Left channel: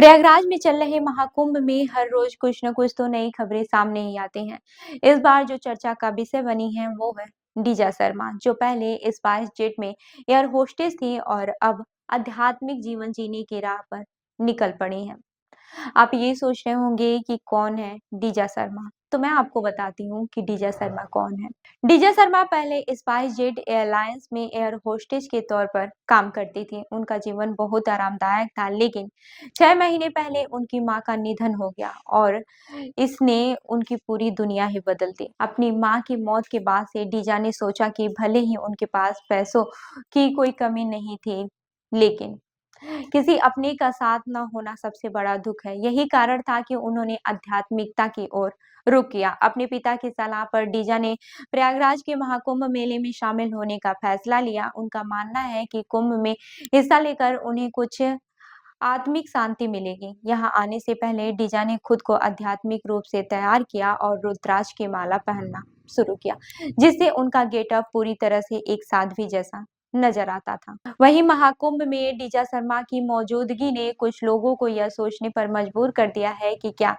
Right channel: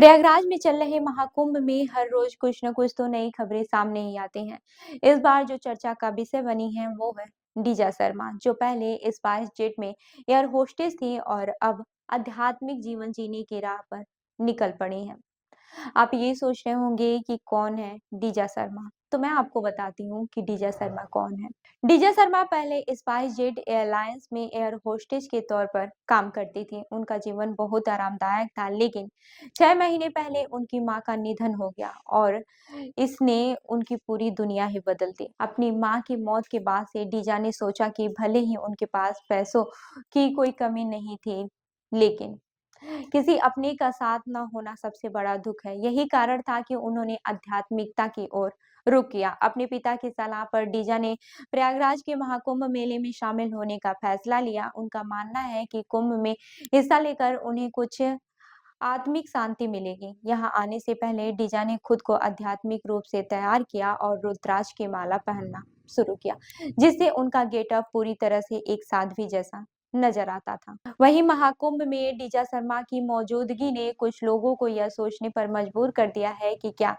प्रयागराज में चल रहे महाकुंभ में हर रोज कुछ न कुछ तो नई खबरें सामने ही आती हैं। इस बार जो चर्चा का विषय बनी है वो है डीजा शर्मा, जो पहले स्पाइस जेट में एयर होस्टेस थी और अब आध्यात्मिक जीवन जीने की राह पर निकल पड़ी हैं। आप ये सोच रहे होंगे कि कौन है डीजा शर्मा, तो मैं आपको बताती हूँ कि डीजा शर्मा कौन है। डीजा शर्मा पहले स्पाइस जेट एयरलाइंस में एयर होस्टेस के तौर पर काम करती थी। उनका जीवन बहुत आरामदायक था, लेकिन 6 महीने पहले उनकी मां का निधन हो गया और इसने उनकी पूरी दुनिया ही बदल दी। अपनी मां की मौत के बाद से डीजा ने सोचा कि भले ही उनके पास पैसों की कोई कमी नहीं थी, लेकिन किसी अपने का साथ न होना सबसे बड़ा दुख है। यही कारण था कि उन्होंने आध्यात्मिकता की ओर रुख किया। अपने पिता की सलाह पर डीजा ने प्रयागराज के महाकुंभ मेले में शामिल होने का फैसला लिया। उनका मानना है कि कुंभ में हिस्सा लेकर उन्हें कुछ आत्मिक शांति मिलेगी। यहाँ आने से पहले डीजा ने खुद को आध्यात्मिक रूप से तैयार किया और रुद्राक्ष की माला पहनना शुरू किया, जिससे उनका गेटअप पूरी तरह से एक साध्वी जैसा नजर आता था। वहीं महाकुंभ में डीजा शर्मा की मौजूदगी ने कुछ लोगों को यह सोचने पर मजबूर कर दिया है कि क्या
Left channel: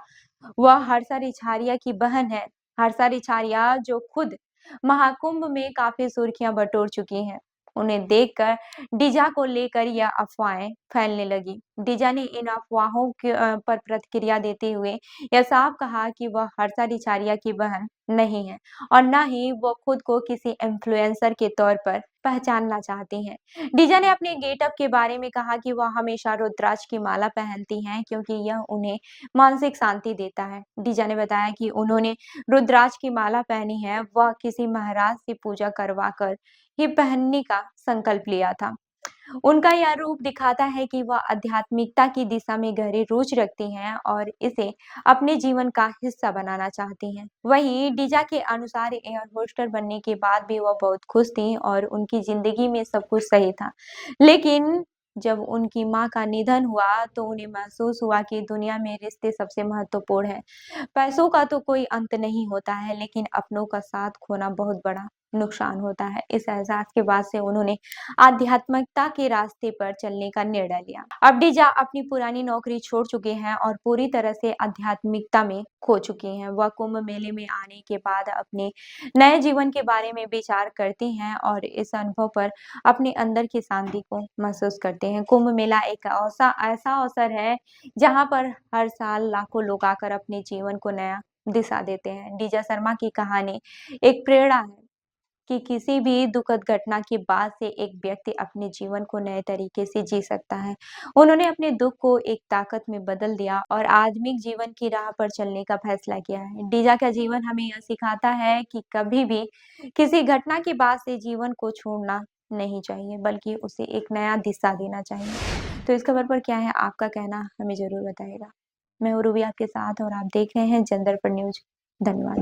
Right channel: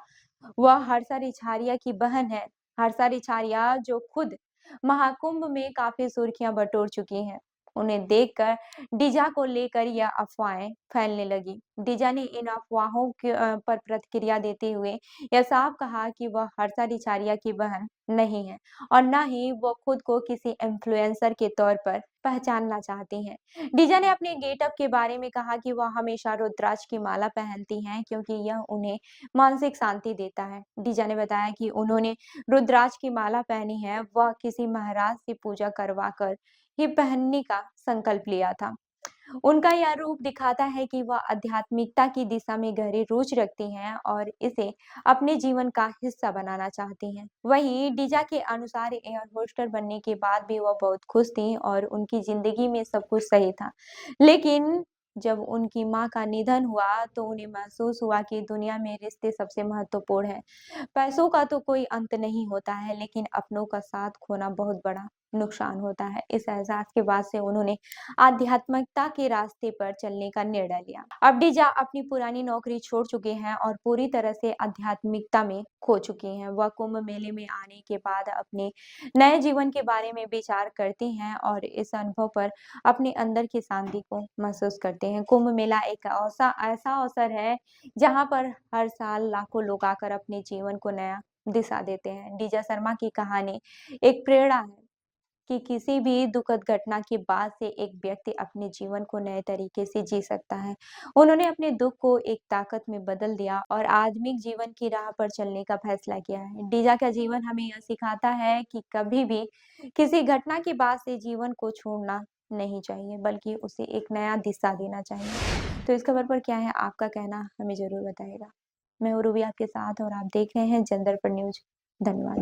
वह हर्षा रिछारिया की बहन है। हर्षा रिछारिया, जो खुद महाकुंभ में काफी सुर्खियां बटोर चुकी हैं, उन्हें देखकर डीजा को लेकर यह अफवाहें फैलने लगी। डीजा ने इन अफवाहों पर प्रतिक्रिया देते हुए यह साफ कहा कि वह हर्षा रिछारिया की बहन नहीं है और न ही वो खुद को किसी इन्फ्लुएंसर के तौर पर पहचानना चाहती हैं। डीजा ने अपने गेटअप के बारे में कहा कि वह हमेशा रुद्राक्ष की माला पहनती हैं क्योंकि यह उन्हें मानसिक शांति देता है। डीजा ने बताया कि उन्होंने रुद्राक्ष की माला पहनी है, वह किसी महाराज से पूजा करवा कर ही पहनने का संकल्प लिया था। उनका यह रूप दिखाता है कि वह आध्यात्मिकता की दिशा में गहरी रुचि रखती हैं और इसे अपने जीवन का हिस्सा बनाना चाहती हैं। वहीं डीजा के अनुसार एयर होस्टर बनने के बाद भी वह बहुत खुश थीं और उनकी जिंदगी में सब कुछ सही था। लेकिन जब उनकी मां का निधन हुआ तो उन्हें महसूस हुआ कि दुनिया में रिश्ते सबसे महत्वपूर्ण है। पैसों का तो कोई अंत नहीं होता है, लेकिन अपनों का साथ खोना बहुत बड़ा नुकसान होता है। इस एहसास के बाद से उन्होंने आध्यात्मिकता के रास्ते पर चलने का निर्णय लिया। अब डीजा अपनी पुरानी नौकरी छोड़ चुके हैं और पूरी तरह से आध्यात्मिकता में खो चुकी हैं। वह कुंभ मेले में आने के बाद अपने नए जीवन के बारे में विचार करती हैं और इस अनुभव पर अपने अंदर की शांति को महसूस करते हैं। कुंभ मेला एक ऐसा अवसर है जहां पर हर साल लाखों लोग आकर अपने जीवन को नया दिशा देते हैं। डीजा शर्मा की कहानी एक प्रेरणा है कि किसी भी दुखद घटना के बाद से एक व्यक्ति अपने जीवन को नए तरीके से जी सकता है। उन्होंने अपने दुख को एक ताकत में बदल दिया और आध्यात्मिक जीवन की राह पर चलने का फैसला किया है। डीजा का जीवन हमें यह सिखाता है कि कभी भी किसी घटना के बाद से जीवन को छोड़ना नहीं चाहिए, बल्कि उसे एक नया दिशा देना चाहिए। तो इस खबर पर क्या है आपका कहना, हमें ज़रूर बताइएगा। मैं हूँ रूबी आपके साथ और आप देख रहे हैं जनदर्पण न्यूज़। धन्यवाद।